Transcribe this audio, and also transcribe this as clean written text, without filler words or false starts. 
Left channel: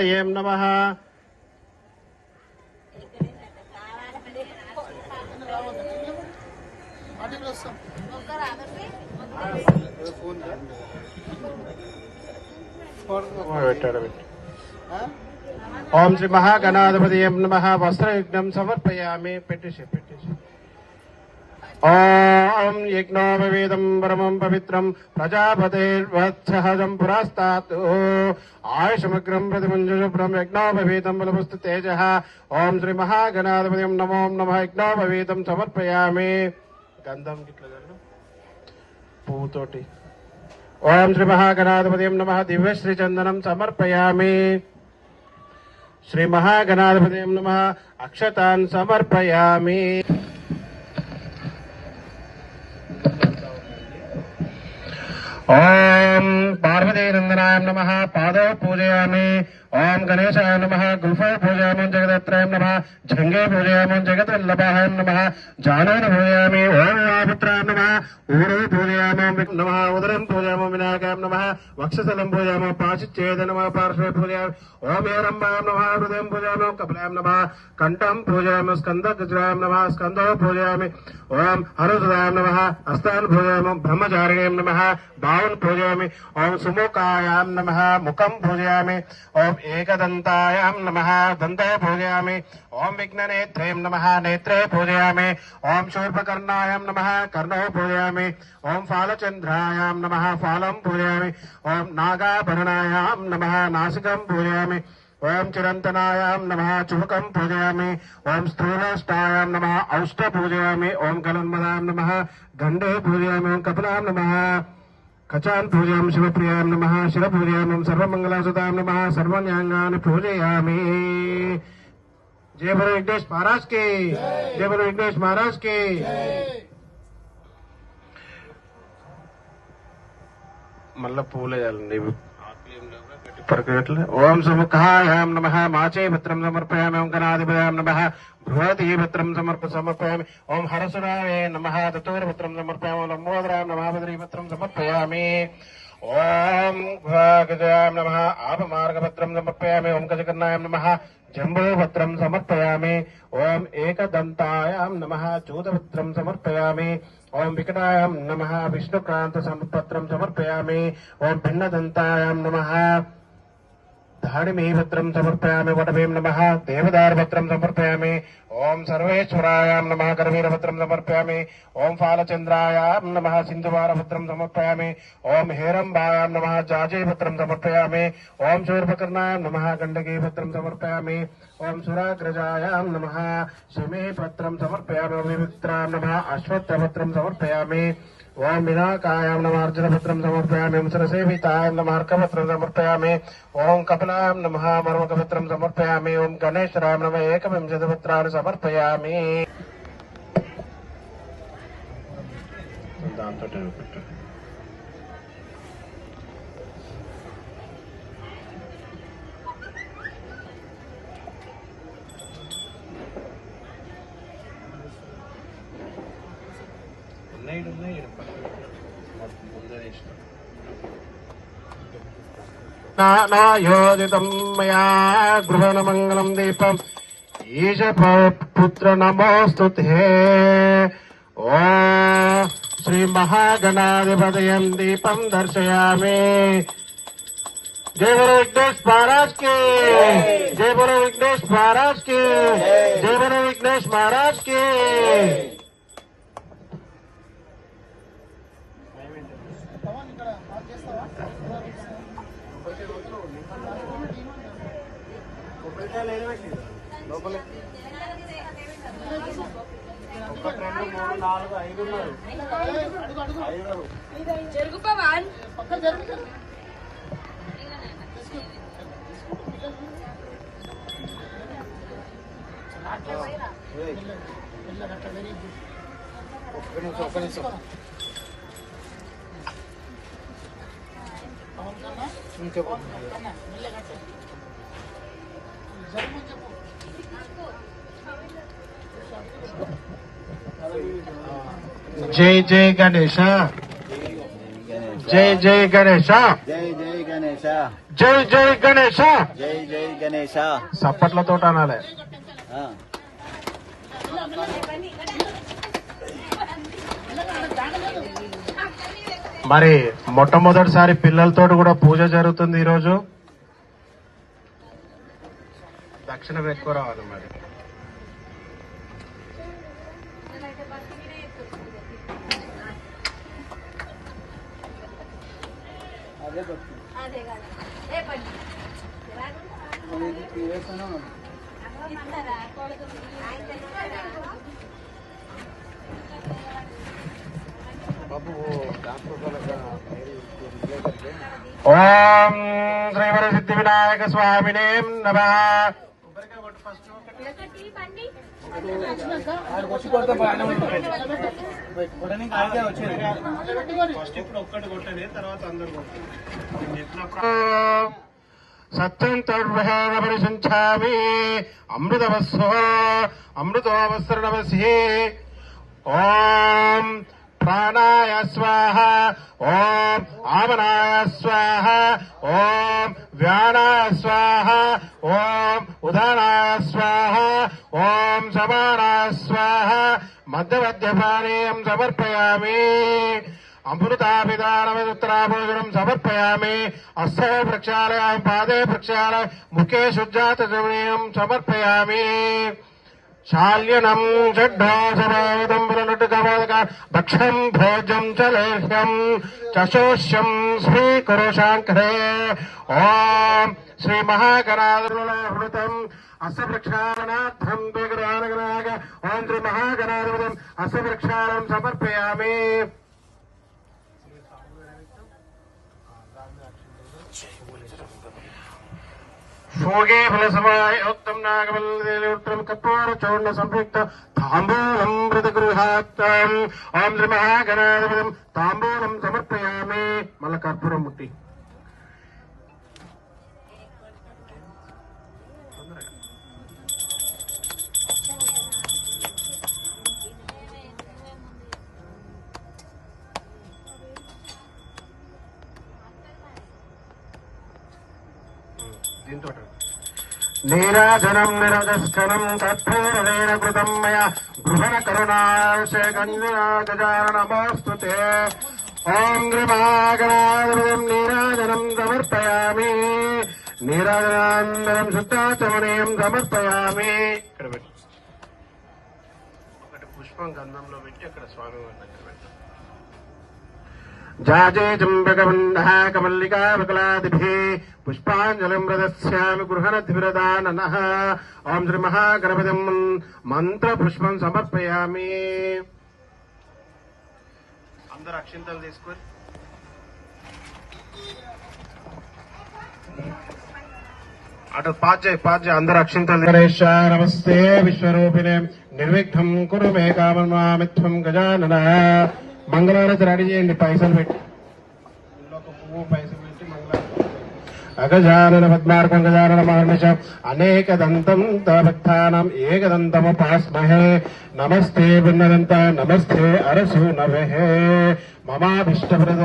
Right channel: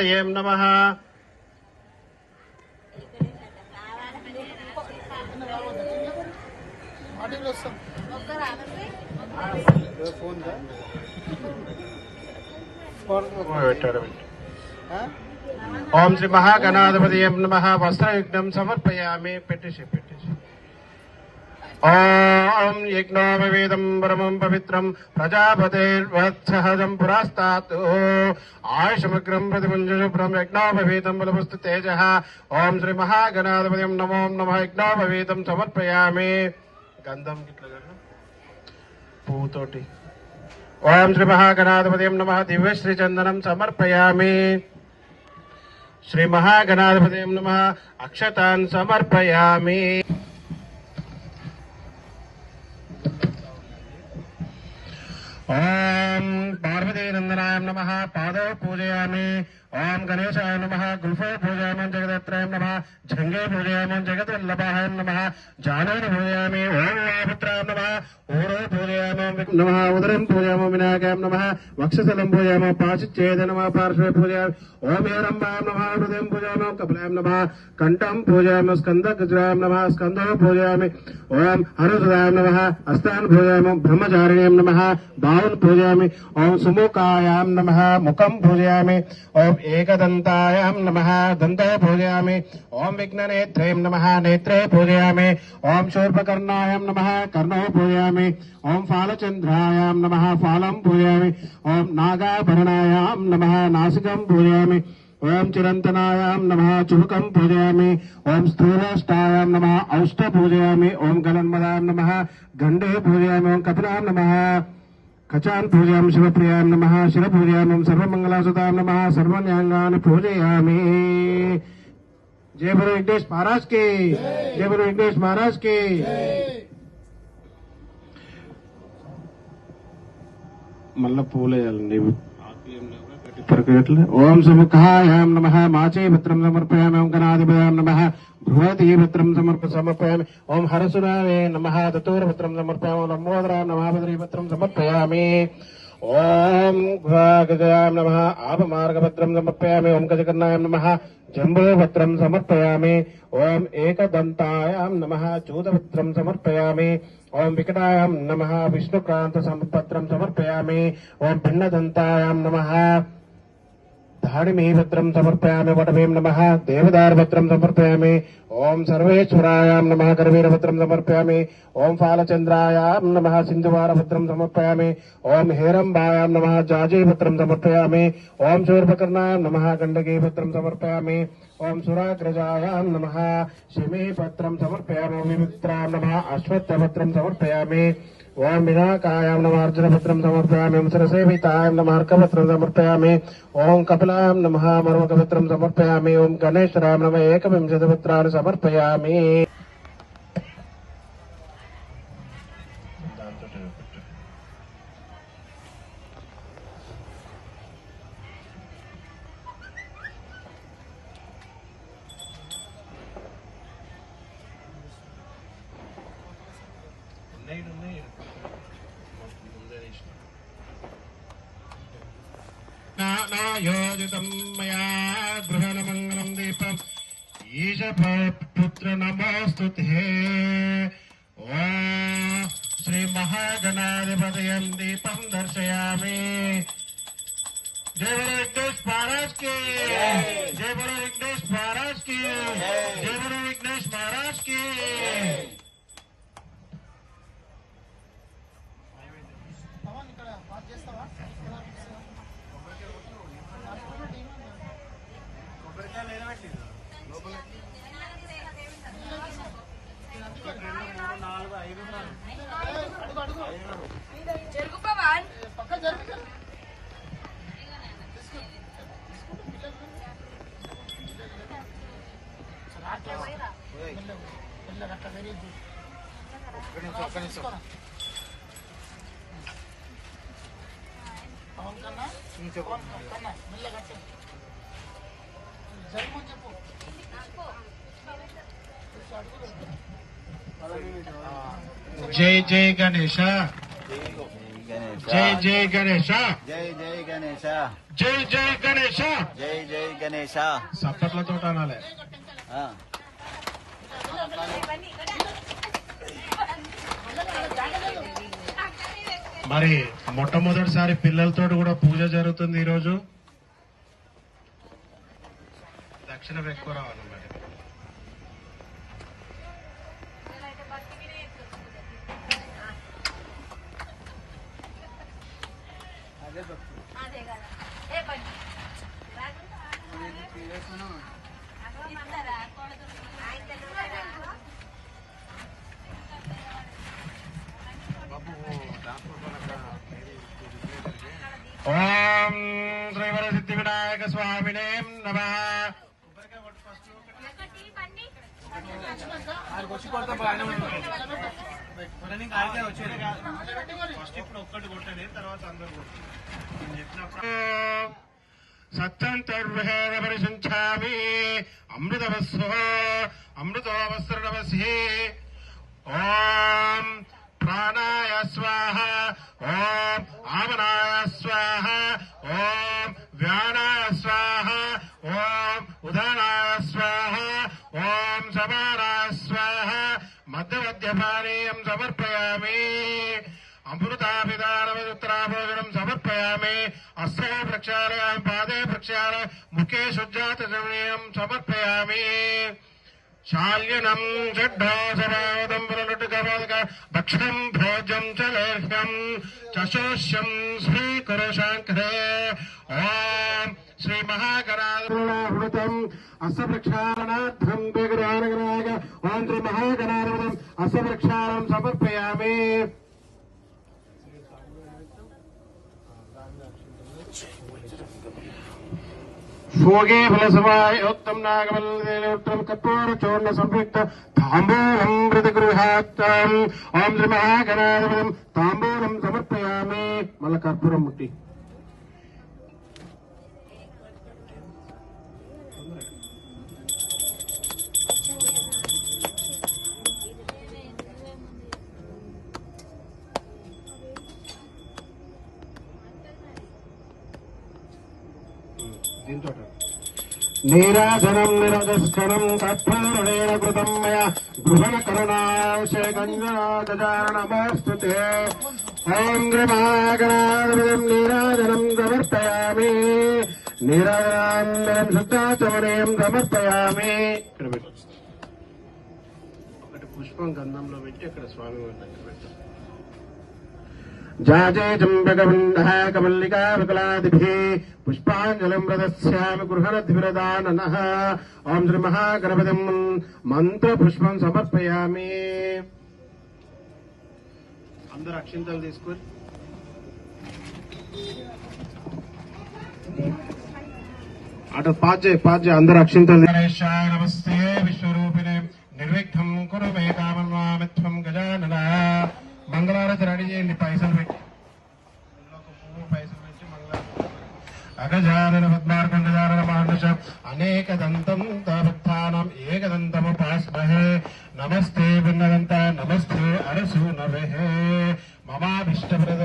ఏం నమః. ఓం శ్రీ మహాగణాధిపతి నమః. వస్త్రయుగ్నం సమర్పయామి. పెట్టేసి ఓం యజ్ఞోపవేదం పరమం పవిత్రం ప్రజాపతిర్వత్సహజం పురాస్తాత్ ఆయుషమగ్రం ప్రతిమంజుషుభ్రం యజ్ఞోపవేదం బలమస్తు తేజ. ఓం శ్రీ మహాగణాధిపతి నమో నమః. యజ్ఞోపవేదం సమర్పయామి. గంధం పువ్వుతోటి. ఓం శ్రీ మహాగణాధిపతి నమః. దివ్యశ్రీ చందనం సమర్పయామి. శ్రీ మహాగణాధిపతి నమః. అక్షతాన్ సమర్పయామి. ఓం పార్వతీనందనాయ నమః. పాదో పూజయామి. ఓం గణేశాయ నమః. గుల్ఫో పూజయామి. జగదత్రాయ నమః. జంగే పూజయామి. జగద్వల్లభాయ నమః. జానూన పూజయామి. ఓం వాపుత్రాయ నమః. ఊరు పూజయామి నమః. ఉదరం పూజయామి. వినాయకాయ నమః. వక్షస్థలం పూజయామి. పాశిచ్ఛేద నమః. పార్శ్వే పూజయామి. ఓం హేరంబాయ నమః. హృదయం పూజయామి. కపిలాయ నమః. కంఠం పూజయామి. స్కందగజాయ నమః. స్కందో పూజయామి. ఓం హరుద్రాయ నమః. హస్తాన్ పూజయామి. బ్రహ్మచారిణ్యై నమః. బాహున్ పూజయామి. ఓం సుముఖాయాం నమః. ముఖం పూజయామి. ఓం ఏకదంతాయాం నమః. దంతే పూజయామి. ఓం విఘ్ననేత్రేం నమః. నేత్రే పూజయామి. ఓం శూర్పకర్ణాయాం నమః. కర్ణో పూజయామి. ఓం ఫాలచంద్రాయాం నమః. ఫాలం పూజయామి. ఓం నాగాభరణాయాం నమః. నాసికం పూజయామి. ఓం చిరంతనాయాం నమః. చుబకం పూజయామి. ఓం స్థూలష్టాయాం నమః. ఔష్ట పూజయామి. ఓం గణన్మదాం నమః. గండే పూజయామి. ఓం కపిలాం నమః. కచాన్ పూజయామి. శివప్రియాం నమః. శివ పూజయామి. సర్వమంగళాసుతాం నమః. సర్వన్యాంగాన్ని పూజయామి. జయ గురు వెంకటేష్ మహారాజ్ కి జయ. గురు వెంకటేష్ మహారాజ్ కి. మళ్ళా పూలేయాలండి ఓం సముఖాయాం నమః. మాచే పత్రం సమర్పయామి. ఓం గణాధిపయాం నమః. బృహతి పత్రం సమర్పయామి. ఓం హరసురాయ నమః. తతూరపత్రం సమర్పయామి. ఓం లంబోదరాయ నమః. బద్రీపత్రం సమర్పయామి. ఓం గజాం నమః. ఆపమార్గపత్రం సమర్పయామి. ఓం గజకర్ణాయం నమః. జంబోపత్రం సమర్పయామి. ఓం ఏకదంతాయాం నమః. చూతపత్రం సమర్పయామి. ఓం వికటాయాం నమః. విష్ణుక్రాంత పత్రం సమర్పయామి. ఓం భిన్నదంతాయాం నమః. దాడిమీపత్రం సమర్పయామి. వటమీం నమః. దేవదారుపత్రం సమర్పయామి. ఓం సర్వేశ్వరాయాం నమః. కరవీరపత్రం సమర్పయామి. ఓం ఫాలచంద్రాయాం నమః. సింధువారపత్రం సమర్పయామి. ఓం హేరంబాయాం నమః. జాజీపత్రం సమర్పయామి. ఓం శూర్పకర్ణాయాం నమః. గండకీపత్రం సమర్పయామి. ఓం సురాగ్రజాయాం నమః. శమీపత్రం సమర్పయామి. వివిక్త్రాం నమః. అశ్వత్థపత్రం సమర్పయామి. ఓం వినాకాయాం నమః. అర్జునపత్రం సమర్పయామి. ఓం సరసేవితాయాం నమః. అర్కపత్రం సమర్పయామి. ఓం కపిలాం నమః. మర్మకపత్రం సమర్పయామి. ఓం గణేశ్వరాం నమః. ఏకవింశతిపత్రాన్ని సమర్పయామి. నాయోదితం మయా గృహణమంగళం దీపం ఈశ పుత్ర నమోస్తుతే. ఓ శ్రీ మహాగణాధిపతయం దీపం దర్శయామి. జయ గురు విఘ్నేష్ మహారాజ్ కి జయ. గురు విఘ్నేష్ మహారాజ్ కి జయ. గురు విఘ్నేష్ మహారాజ్ కి. జరుగు పవన్. ఒక్క నిమిషం. జై జై గణేశ. జై జై గణేశ జై జై గణేశ జై జై గణేశ జై జై గణేశ సప్పట్లతో అనాలి. మరి మొట్టమొదటిసారి పిల్లలతో కూడా పూజ జరుగుతుంది ఈరోజు. దక్షిణ ఎక్కువ రావాలి మరి. ఓం శ్రీవర సిద్ధి వినాయక స్వామినే నమః. సత్యం తద్వహేనపరిశంచామి అమృతవస్సో అమృతోవస్త్రనమస్యే. ఓం ప్రాణాయ స్వాహ, ఓం ఆమనాయ స్వాహ, ఓం వ్యానాయ స్వాహ, ఓం ఉదానాయ స్వాహ, ఓం సమానాయ స్వాహ. మధ్యమధ్యపానీయం సమర్పయామి. అమృతాభిధానమిత్రాభోజనం సమర్పయామి. హస్తే ప్రక్షాళయామి, పాదే ప్రక్షాళయామి, ముఖే శుద్ధాతజనీయం సమర్పయామి. శాల్యనం షడ్ఢోషవేదం పునరుగమక భక్షం భోజం చ లేహ్యం చశోష్యం శ్రీకురు శాంకరే. ఓం శ్రీ మహాగణాధిపతం అస్య ప్రక్షాళనార్థం దుర్గానుగ్రహాయ. ఓం శ్రీ మహాగణాధిపతం అస్య ప్రక్షాళనం సమర్పయామి. భోగే ఫలసమాయోక్తం నాగమల్లేత్రం కపూర చూర్ణ సంయుక్త తాంబూలం మృతగృహాత్తం. ఓం శ్రీ మహాగణాధిపతం తాంబూలం సమర్పయామి. మళ్ళా కర్పూరం ముట్టి. నీరాజనం నిరదర్శనం కర్పూరేణ కృతం మయా గృహణ కరుణాశేఖంజనాగజానమోస్తుతే. ఓం మహాగణాధిపతం నీరాజనం సమర్పయామి. నీరాజనానందరం శుద్ధాచమనీయం సమర్పయామి. ఒకటి పుష్పం గంధంలో పెట్టి అక్కడ స్వామి జాజే చంపకమండః కమల్లికా వికలాదిభిః పుష్పాంజలిం ప్రదస్యామి గృహణద్విరదాననః. ఓం శ్రీ మహాగణపతిం మంత్ర పుష్పం సమర్పయామి. అందరూ అక్షింతలు తీసుకుని అటు పాజ్ అందరూ అక్షింతలు. గణేశ నమస్తే విశ్వరూపిణే నిర్విఘ్నం కురు మే కామం మామిత్వం గజానన. మంగళవారం రెడీ చేయండి పైసలు పెట్టి. ఒక పువ్వు పైసలు పెట్టి మంగళవారం. అగజానన పద్మార్కం గజానన మహర్నిశం అనేకదంతం భక్తానాం ఏకదంతముపాస్మహే. నమస్తే బృందనంత నమస్తే అరసు నవహే. మమాభిష్టప్రద